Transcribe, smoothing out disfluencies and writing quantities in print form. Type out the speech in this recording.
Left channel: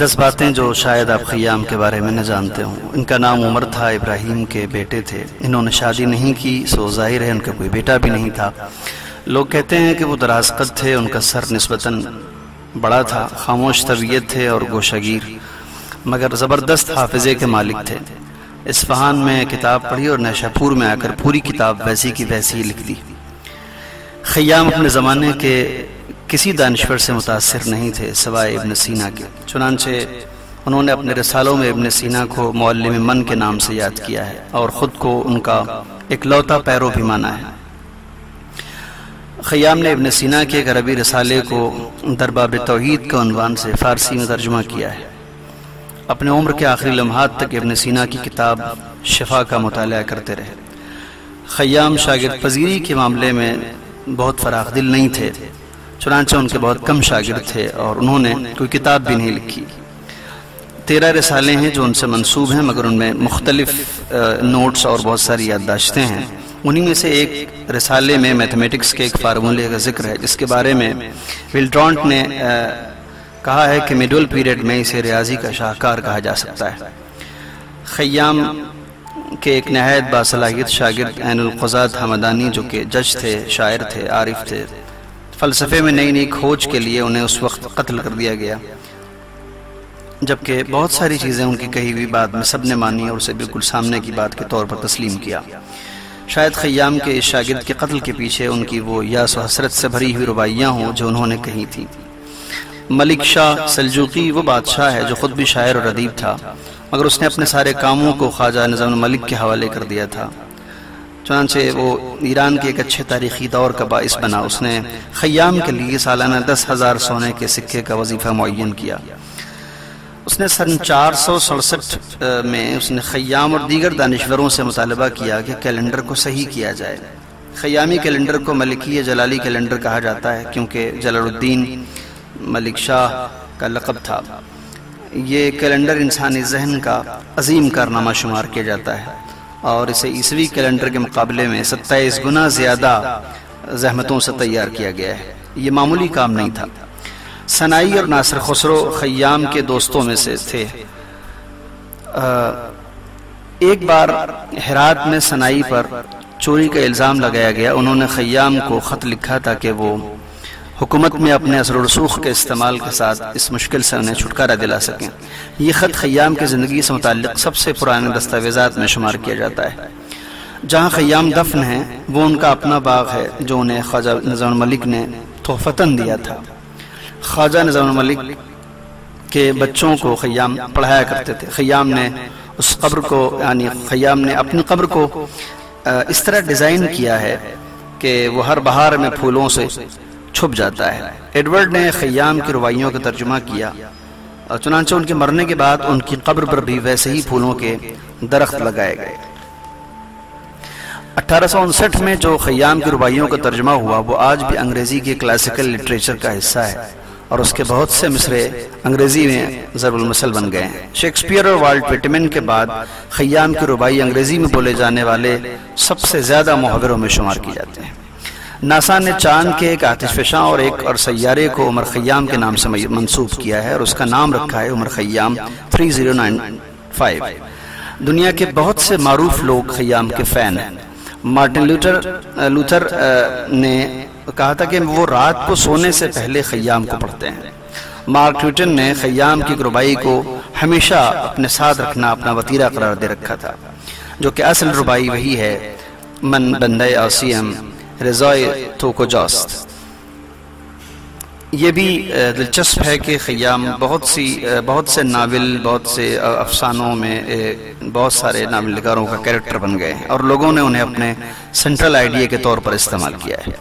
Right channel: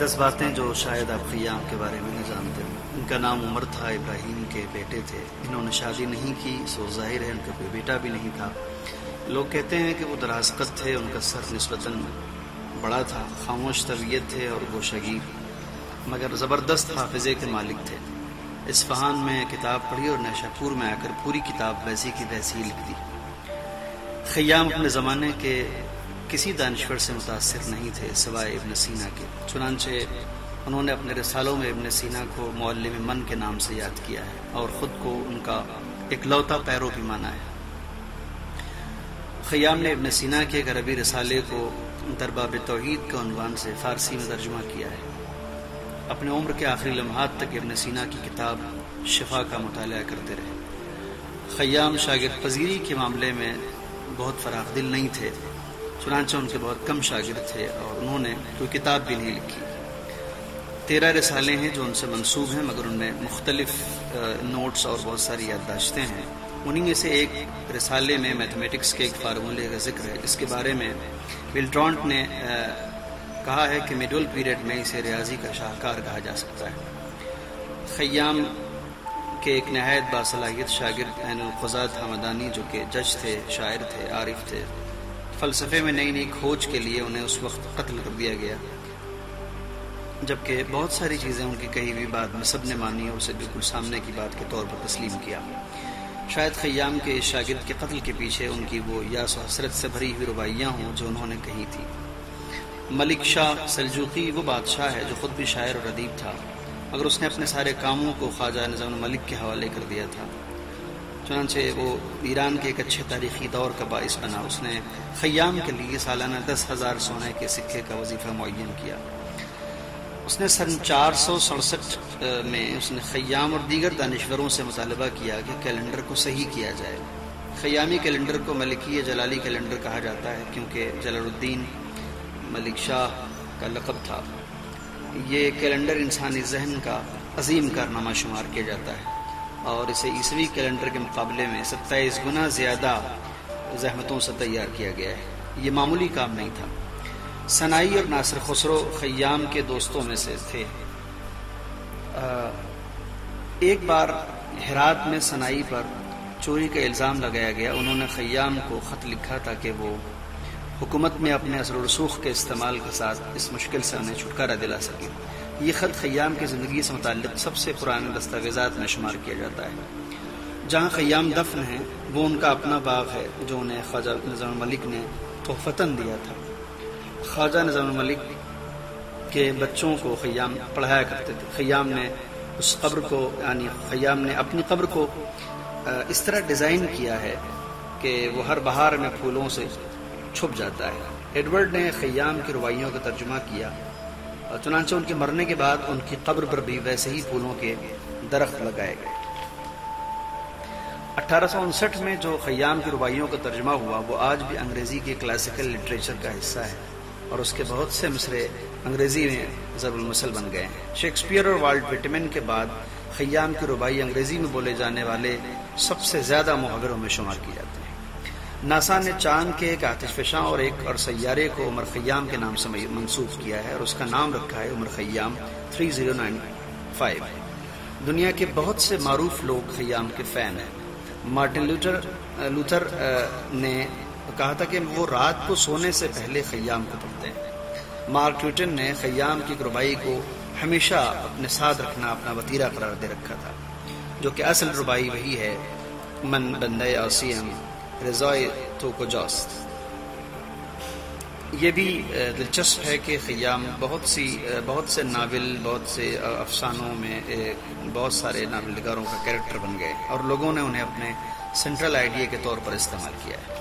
10 باتیں جو شاید آپ خیام کے بارے میں نہ جانتے ہوں۔ ان کا نام عمر تھا، ابراہیم کے بیٹے تھے۔ انہوں نے شادی نہیں کی، سو ظاہر ہے ان کا کوئی بیٹا بھی نہیں تھا۔ لوگ کہتے ہیں کہ وہ دراز قد تھے، ان کا سر نسبتاً بڑا تھا، خاموش طبیعت تھے اور گوشہ گیر، مگر زبردست حافظے کے مالک تھے۔ اصفہان میں کتاب پڑھی اور نیشہ پور میں آ کر پوری کتاب ویسی کی ویسی لکھ دی۔ خیام اپنے زمانے کے کسی دانشور سے متاثر نہیں تھے سوائے ابن سینا کے، چنانچہ انہوں نے اپنے رسالوں میں ابن سینا کو معلم من کے نام سے یاد کیا ہے اور خود کو ان کا اکلوتا پیرو بھی مانا ہے۔ خیام نے ابن سینا کے ایک عربی رسالے کو درباب توحید کے عنوان سے فارسی میں ترجمہ کیا ہے۔ اپنے عمر کے آخری لمحات تک ابن سینا کی کتاب شفا کا مطالعہ کرتے رہے۔ خیام شاگرد پذیری کے معاملے میں بہت فراخ دل نہیں تھے، چنانچہ ان کے بہت کم شاگرد تھے اور انہوں نے کوئی کتاب بھی نہیں لکھی۔ 13 رسالے ہیں جو ان سے منسوب ہیں، مگر ان میں مختلف نوٹس اور بہت ساری یادداشتیں ہیں۔ انہی میں سے ایک رسالے میں میتھمیٹکس کے ایک فارمولے کا ذکر ہے، جس کے بارے میں ولڈرانٹ نے کہا ہے کہ میڈول پیریڈ میں اسے ریاضی کا شاہکار کہا جا سکتا ہے۔ خیام کے ایک نہایت باصلاحیت شاگرد عین القضات حمدانی، جو کہ جج تھے، شاعر تھے، عارف تھے، فلسفے میں نئی نئی کھوج کے لیے انہیں اس وقت قتل کر دیا گیا، جبکہ بہت ساری چیزیں ان کی کہی ہوئی بات میں سب نے مانی اور اسے بالکل سامنے کی بات کے طور پر تسلیم کیا۔ شاید خیام کے اس شاگرد کے قتل کے پیچھے ان کی وہ یاس و حسرت سے بھری ہوئی رباعیاں ہوں جو انہوں نے کہی تھی۔ ملک شاہ سلجوقی وہ بادشاہ ہے جو خود بھی شاعر اور ادیب تھا، مگر اس نے اپنے سارے کاموں کو خواجہ نظام الملک کے حوالے کر دیا تھا، چنانچہ وہ ایران کے ایک اچھے تاریخی دور کا باعث بنا۔ اس نے خیام کے لیے سالانہ 10,000 سونے کے سکے کا وظیفہ معین کیا۔ اس نے سن 467 میں اس نے خیام اور دیگر دانشوروں سے مطالبہ کیا کہ کیلنڈر کو صحیح کیا جائے۔ خیامی کیلنڈر کو ملکی جلالی کیلنڈر کہا جاتا ہے، کیونکہ جلال الدین ملک شاہ کا لقب تھا۔ یہ کیلنڈر انسانی ذہن کا عظیم کارنامہ شمار کیا جاتا ہے اور اسے عیسوی کیلنڈر کے مقابلے میں 27 گنا زیادہ زحمتوں سے تیار کیا گیا ہے۔ یہ معمولی کام نہیں تھا۔ سنائی اور ناصر خسرو خیام کے دوستوں میں سے تھے۔ ایک بار ہرات میں سنائی پر چوری کا الزام لگایا گیا۔ انہوں نے خیام کو خط لکھا تھا کہ وہ حکومت میں اپنے اثر و رسوخ کے استعمال کے ساتھ اس مشکل سے انہیں چھٹکارا دلا سکیں۔ یہ خط خیام کی زندگی سے متعلق سب سے پرانے دستاویزات میں شمار کیا جاتا ہے۔ جہاں خیام دفن ہیں وہ ان کا اپنا باغ ہے جو انہیں خواجہ نظام الملک نے تحفتاً دیا تھا۔ خواجہ نظام الملک کے بچوں کو خیام پڑھایا کرتے تھے۔ خیام نے اس قبر کو خیام نے اپنی قبر کو اس طرح ڈیزائن کیا ہے کہ وہ ہر بہار میں پھولوں سے چھپ جاتا ہے۔ ایڈورڈ نے خیام کی رباعیوں کا ترجمہ کیا، چنانچہ ان کے مرنے کے بعد ان کی قبر پر بھی ویسے ہی پھولوں کے درخت لگائے گئے۔ 1859 میں جو خیام کی رباعیوں کا ترجمہ ہوا وہ آج بھی انگریزی کے کلاسیکل لٹریچر کا حصہ ہے اور اس کے بہت سے مصرے انگریزی میں ضرب المثل بن گئے ہیں۔ شیکسپیئر اور والٹ وٹمن کے بعد خیام کی رباعی انگریزی میں بولے جانے والے سب سے زیادہ محاوروں میں شمار کی جاتے ہیں۔ ناسا نے چاند کے ایک آتش فشاں اور سیارے کو عمر خیام کے نام سے منسوب کیا ہے اور اس کا نام رکھا ہے عمر خیام 3095۔ دنیا کے بہت سے معروف لوگ خیام کے فین ہیں۔ مارٹن لوتھر نے کہا تھا کہ وہ رات کو سونے سے پہلے خیام کو پڑھتے ہیں۔ مارک ٹویٹن نے خیام کی رباعی کو ہمیشہ اپنے ساتھ رکھنا اپنا وطیرہ قرار دے رکھا تھا، جو کہ اصل رباعی وہی ہے، من بندے آسیم رضائے توکو جاست۔ یہ بھی دلچسپ ہے کہ خیام بہت سے ناول، بہت سے افسانوں میں بہت سارے ناول نگاروں کا کیریکٹر بن گئے اور لوگوں نے انہیں اپنے سینٹرل آئیڈیا کے طور پر استعمال کیا ہے۔